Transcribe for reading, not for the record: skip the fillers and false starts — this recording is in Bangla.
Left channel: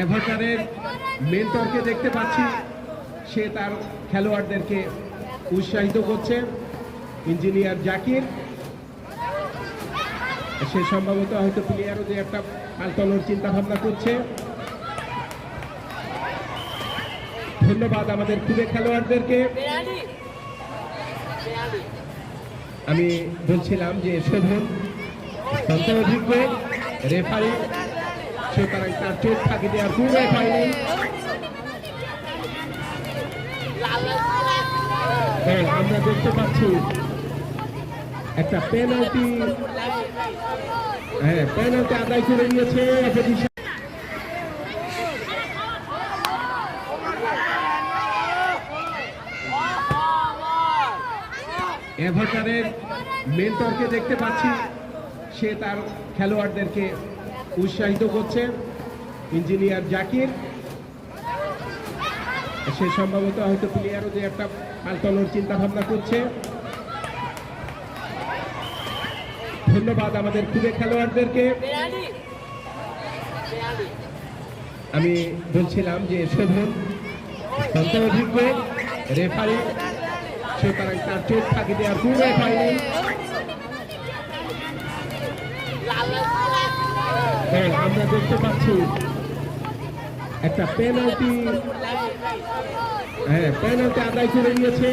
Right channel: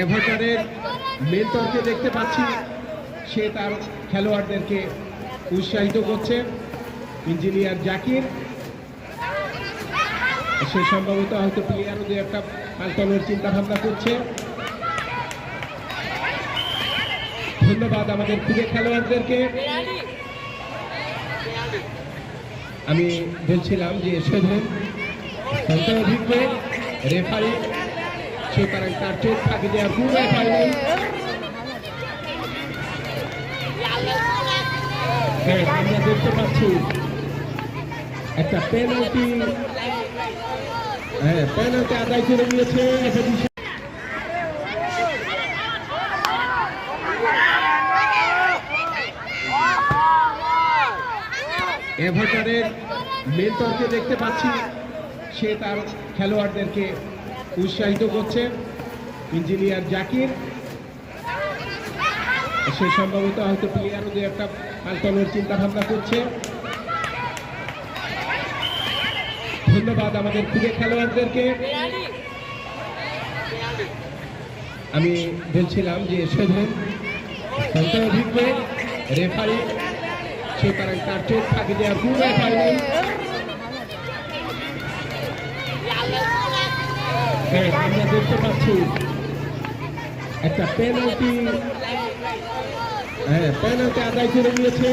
এভারটনের মেন্টরকে দেখতে পাচ্ছি, সে তার খেলোয়াড়দেরকে উৎসাহিত করছে। ইঞ্জিনিয়ার জাকির, সে সম্ভবত হয়তো প্লেয়ার দিয়ে একটা পাল্টানোর চিন্তা ভাবনা করছে। ধন্যবাদ আমাদের প্রিয় খেলোয়াড়দেরকে। আমি বলছিলাম যে শোভন অভিজ্ঞ রেফারি, সুতরাং তার চোখ ফাঁকি দেওয়ার কোনো উপায় নেই। আমরা দেখতে পাচ্ছি একটা পেনাল্টি, পেনাল্টি আদায় করে নিয়েছে এভারটনের মেন্টরকে দেখতে পাচ্ছি, সে তার খেলোয়াড়দেরকে উৎসাহিত করছে। ইঞ্জিনিয়ার জাকির, সে সম্ভবত হয়তো প্লেয়ার দিয়ে একটা পাল্টানোর চিন্তা ভাবনা করছে। ধন্যবাদ আমাদের প্রিয় খেলোয়াড়দেরকে। আমি বলছিলাম যে শোভন অভিজ্ঞ রেফারি, সুতরাং তার চোখ ফাঁকি দেওয়ার কোনো উপায় নেই। আমরা দেখতে পাচ্ছি একটা পেনাল্টি আদায় করে নিয়েছে।